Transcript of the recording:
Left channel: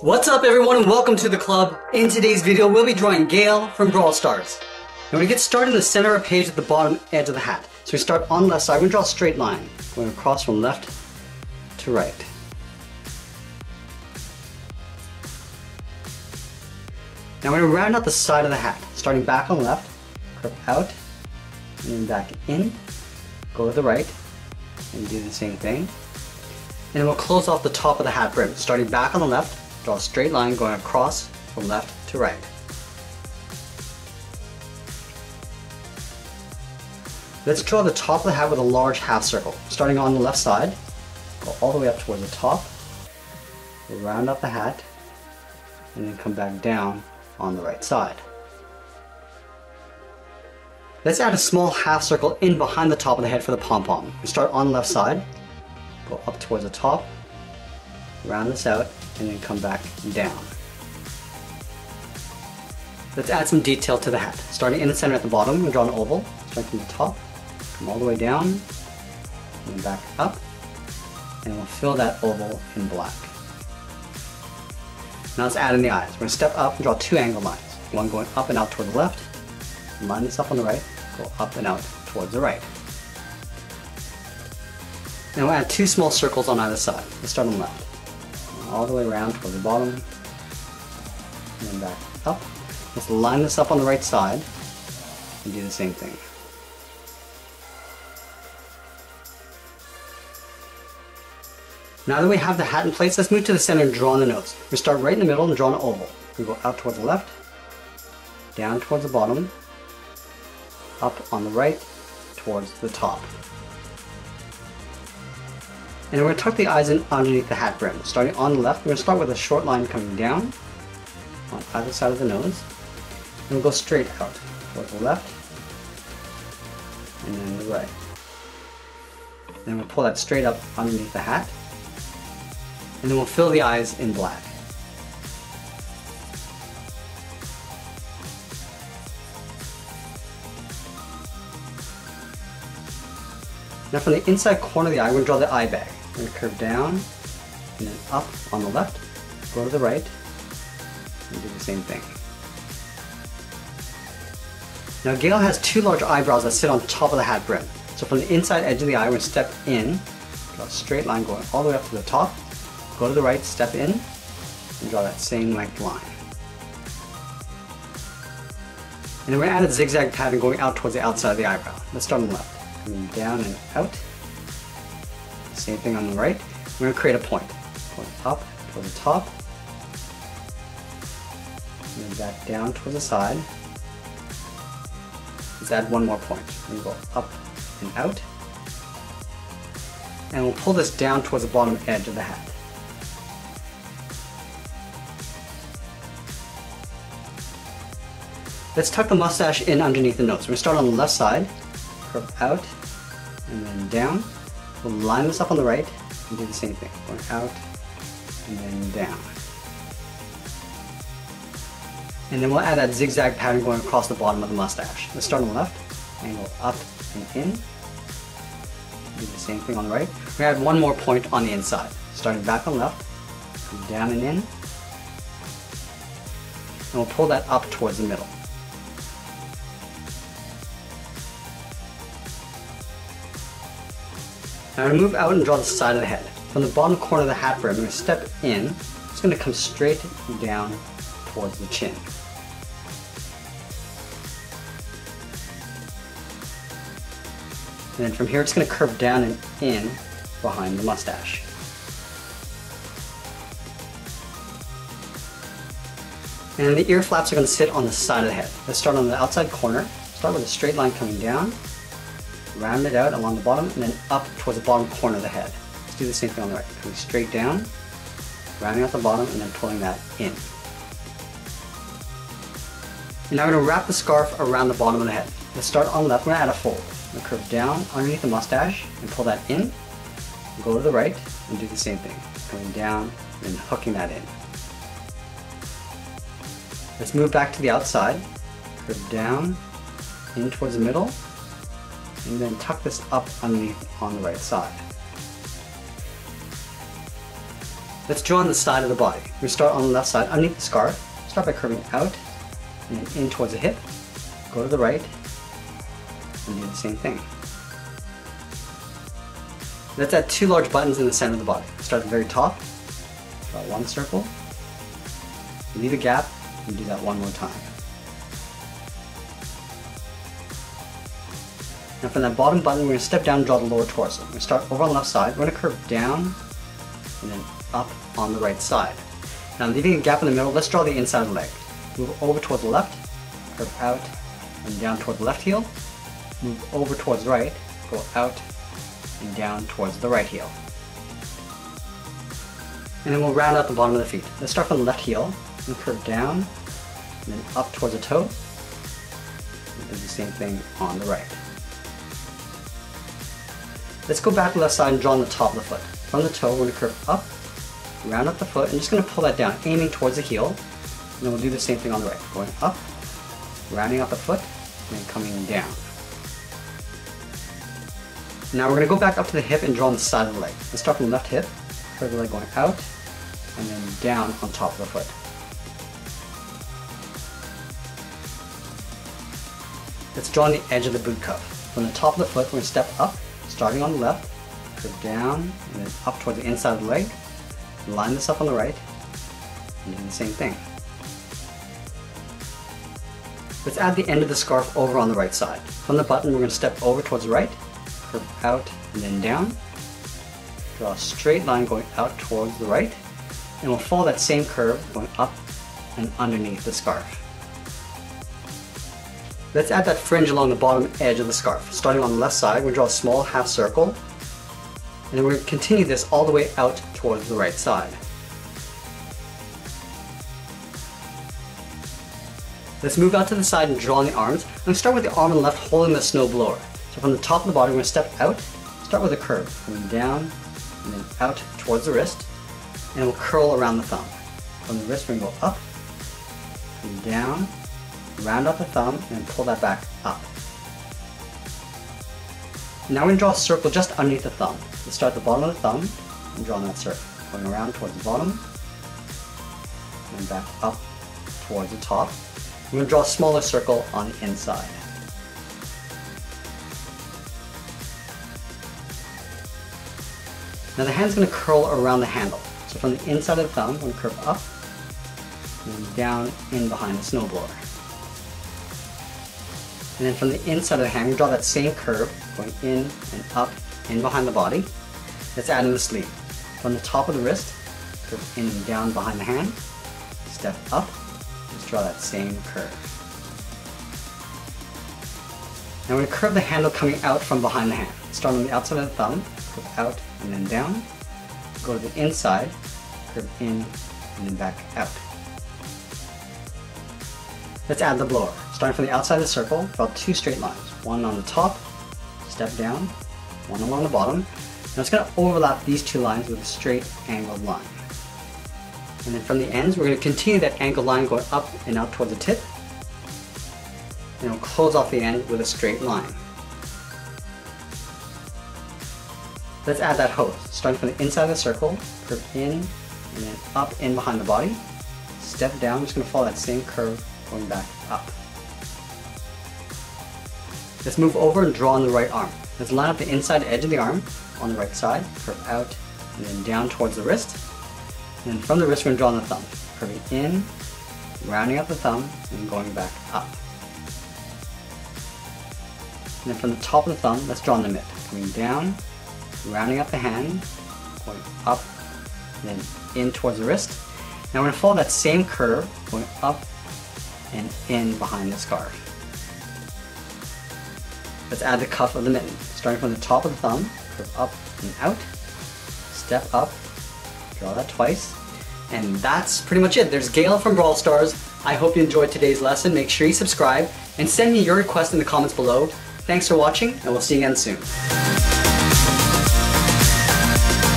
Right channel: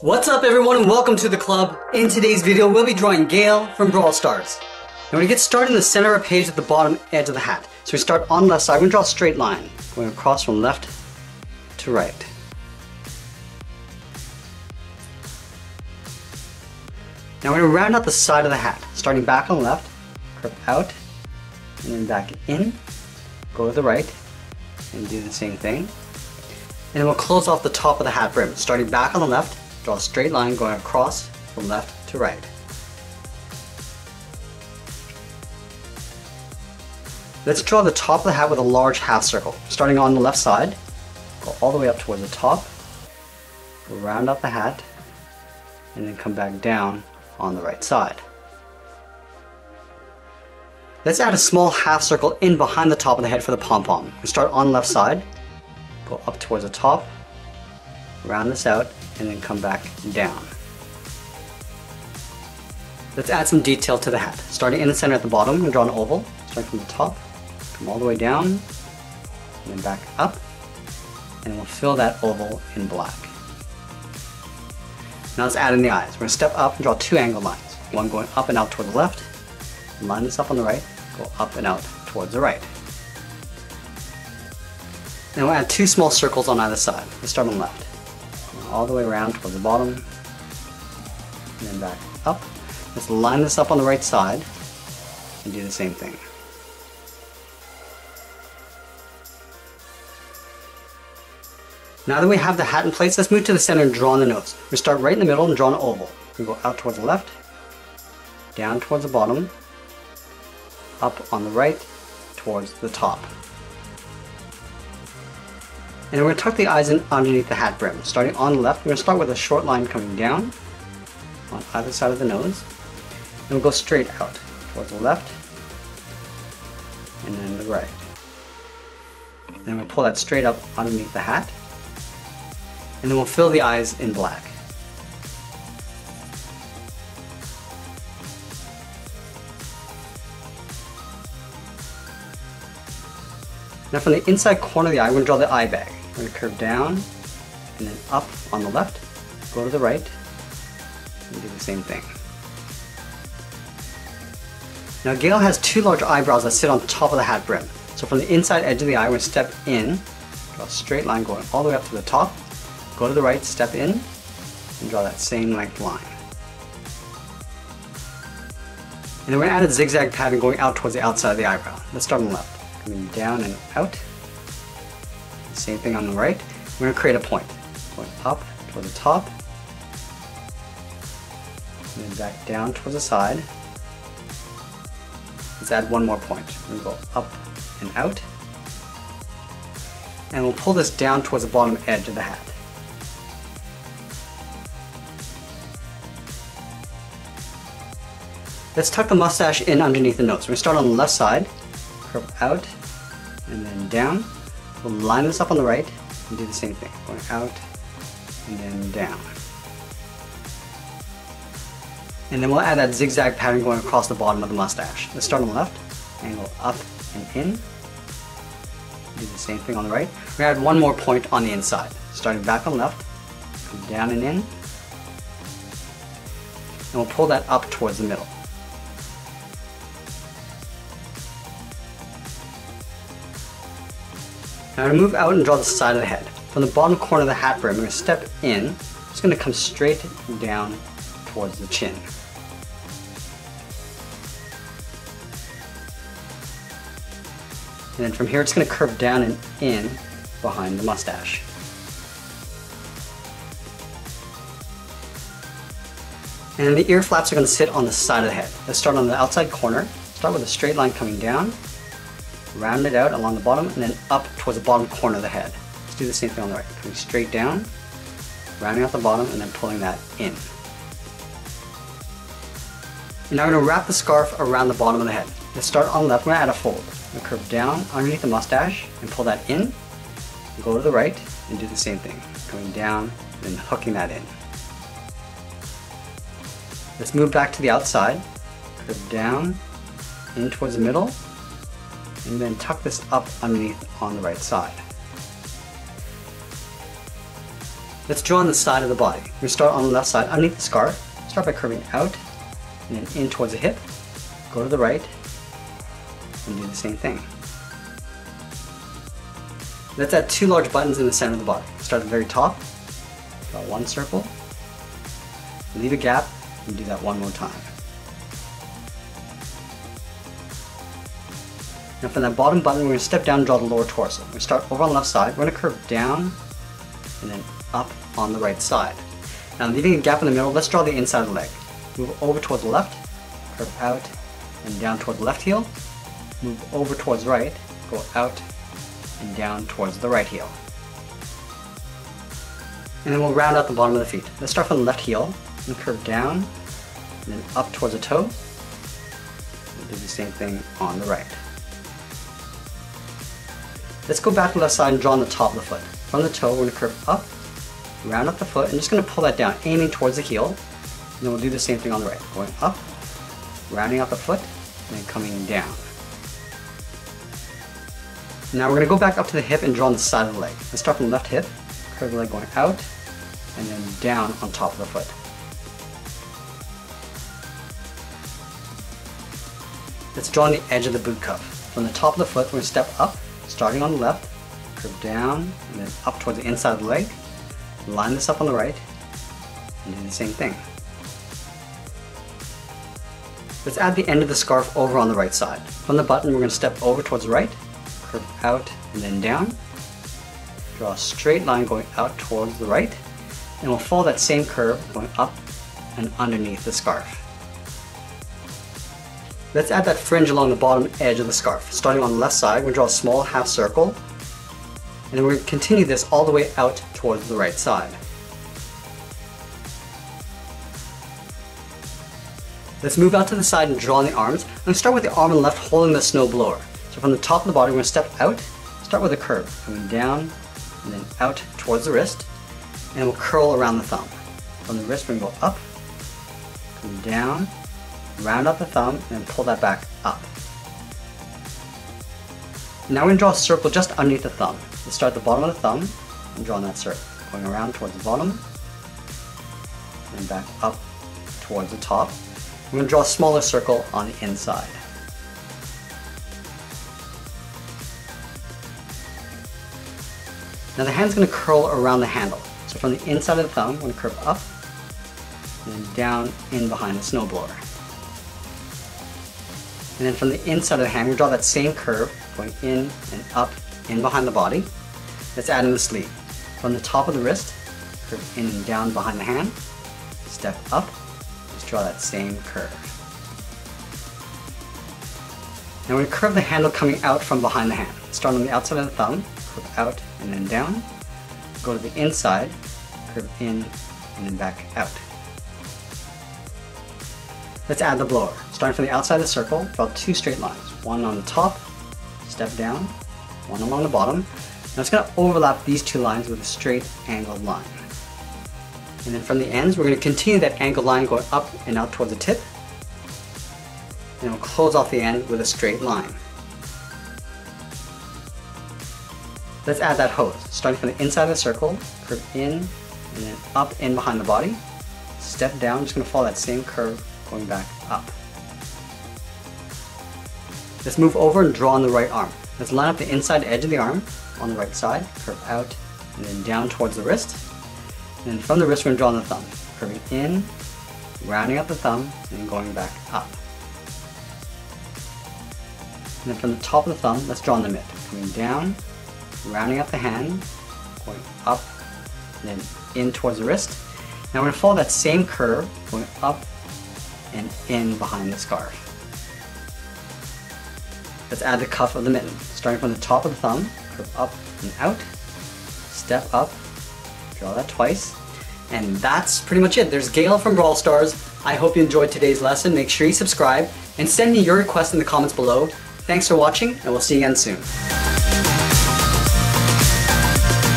What's up everyone and welcome to the club. In today's video we'll be drawing Gale from Brawl Stars. Now we're going to get started in the center of the page at the bottom edge of the hat. So we start on the left side, we're going to draw a straight line going across from left to right. Now we're going to round out the side of the hat, starting back on the left, curve out, and then back in, go to the right, and do the same thing. And we'll close off the top of the hat brim, starting back on the left, draw a straight line going across from left to right. Let's draw the top of the hat with a large half circle. Starting on the left side, go all the way up towards the top, we'll round up the hat, and then come back down on the right side. Let's add a small half circle in behind the top of the head for the pom-pom. We start on the left side, go up towards the top, round this out, and then come back down. Let's add some detail to the hat. Starting in the center at the bottom, we'll draw an oval, starting from the top, come all the way down, and then back up, and we'll fill that oval in black. Now let's add in the eyes. We're going to step up and draw two angled lines. One going up and out toward the left, line this up on the right, go up and out towards the right. Then we'll add two small circles on either side. Let's start on the left. Go all the way around toward the bottom, and then back up. Let's line this up on the right side and do the same thing. Now that we have the hat in place, let's move to the center and draw on the nose. We start right in the middle and draw an oval. We go out towards the left, down towards the bottom, up on the right, towards the top. And we're going to tuck the eyes in underneath the hat brim. Starting on the left, we're going to start with a short line coming down on either side of the nose. And we'll go straight out towards the left and then the right. Then we'll pull that straight up underneath the hat. And then we'll fill the eyes in black. Now from the inside corner of the eye, we're going to draw the eye bag. We're going to curve down and then up on the left, go to the right, and do the same thing. Now Gale has two large eyebrows that sit on top of the hat brim. So from the inside edge of the eye, we're going to step in, draw a straight line going all the way up to the top, go to the right, step in, and draw that same length line. And then we're going to add a zigzag pattern going out towards the outside of the eyebrow. Let's start on the left. Coming down and out. The same thing on the right. We're going to create a point. Going up toward the top. And then back down towards the side. Let's add one more point. We're going to go up and out. And we'll pull this down towards the bottom edge of the hat. Let's tuck the mustache in underneath the nose. We're going to start on the left side, curve out, and then down. We'll line this up on the right, and do the same thing, going out, and then down. And then we'll add that zigzag pattern going across the bottom of the mustache. Let's start on the left, angle up and in. Do the same thing on the right. We're going to add one more point on the inside. Starting back on the left, come down and in, and we'll pull that up towards the middle. Now to move out and draw the side of the head. From the bottom corner of the hat brim, we're going to step in. It's going to come straight down towards the chin. And then from here it's going to curve down and in behind the mustache. And then the ear flaps are going to sit on the side of the head. Let's start on the outside corner. Start with a straight line coming down. Round it out along the bottom and then up towards the bottom corner of the head. Let's do the same thing on the right. Coming straight down, rounding out the bottom and then pulling that in. And now we're going to wrap the scarf around the bottom of the head. Let's start on the left. We're going to add a fold. We're going to curve down underneath the mustache and pull that in. Go to the right and do the same thing. Going down and hooking that in. Let's move back to the outside. Curve down, in towards the middle. And then tuck this up underneath on the right side. Let's draw on the side of the body. We start on the left side underneath the scarf. Start by curving out and then in towards the hip. Go to the right and do the same thing. Let's add 2 large buttons in the center of the body. Start at the very top, draw 1 circle, leave a gap, and do that 1 more time. Now for that bottom button, we're going to step down and draw the lower torso. We start over on the left side, we're going to curve down and then up on the right side. Now leaving a gap in the middle, let's draw the inside of the leg. Move over towards the left, curve out and down towards the left heel, move over towards right, go out and down towards the right heel. And then we'll round out the bottom of the feet. Let's start from the left heel and curve down and then up towards the toe. We'll do the same thing on the right. Let's go back to the left side and draw on the top of the foot. From the toe, we're going to curve up, round up the foot, and just going to pull that down, aiming towards the heel. And then we'll do the same thing on the right. Going up, rounding up the foot, and coming down. Now we're going to go back up to the hip and draw on the side of the leg. Let's start from the left hip, curve the leg going out, and then down on top of the foot. Let's draw on the edge of the boot cuff. From the top of the foot, we step up, starting on the left, curve down, and then up toward the inside of the leg. Line this up on the right, and do the same thing. Let's add the end of the scarf over on the right side. From the button, we're going to step over towards the right, curve out and then down. Draw a straight line going out towards the right, and we'll follow that same curve going up and underneath the scarf. Let's add that fringe along the bottom edge of the scarf. Starting on the left side, we'll draw a small half circle, and then we're going to continue this all the way out towards the right side. Let's move out to the side and draw on the arms. I'm going to start with the arm on the left holding the snow blower. So from the top of the body, we're going to step out, start with a curve, going down and then out towards the wrist, and we'll curl around the thumb. From the wrist, we're going to go up, come down, round up the thumb, and then pull that back up. Now we're going to draw a circle just underneath the thumb. We'll start at the bottom of the thumb and draw that circle, going around towards the bottom, and then back up towards the top. I'm going to draw a smaller circle on the inside. Now the hand's going to curl around the handle. So from the inside of the thumb, we curve up and then down in behind the snowblower. And then from the inside of the hand, we draw that same curve going in and up in behind the body. Let's add in the sleeve. From the top of the wrist, curve in and down behind the hand, step up, just draw that same curve. Now we're going to curve the handle coming out from behind the hand. Start on the outside of the thumb, curve out and then down, go to the inside, curve in and then back out. Let's add the blower. Starting from the outside of the circle, draw 2 straight lines. One on the top, step down, one along the bottom. Now it's going to overlap these 2 lines with a straight angled line. And then from the ends, we're going to continue that angled line going up and out toward the tip. And we'll close off the end with a straight line. Let's add that hose. Starting from the inside of the circle, curve in and then up in behind the body. Step down, just going to follow that same curve going back up. Let's move over and draw on the right arm. Let's line up the inside edge of the arm on the right side, curve out and then down towards the wrist. And then from the wrist, we're going to draw on the thumb, curving in, rounding up the thumb, and then going back up. And then from the top of the thumb, let's draw on the mitt, coming down, rounding up the hand, going up, and then in towards the wrist. Now we're going to follow that same curve, going up and in behind the scarf. Let's add the cuff of the mitten. Starting from the top of the thumb, curve up and out, step up, draw that twice, and that's pretty much it. There's Gale from Brawl Stars. I hope you enjoyed today's lesson. Make sure you subscribe and send me your requests in the comments below. Thanks for watching, and we'll see you again soon.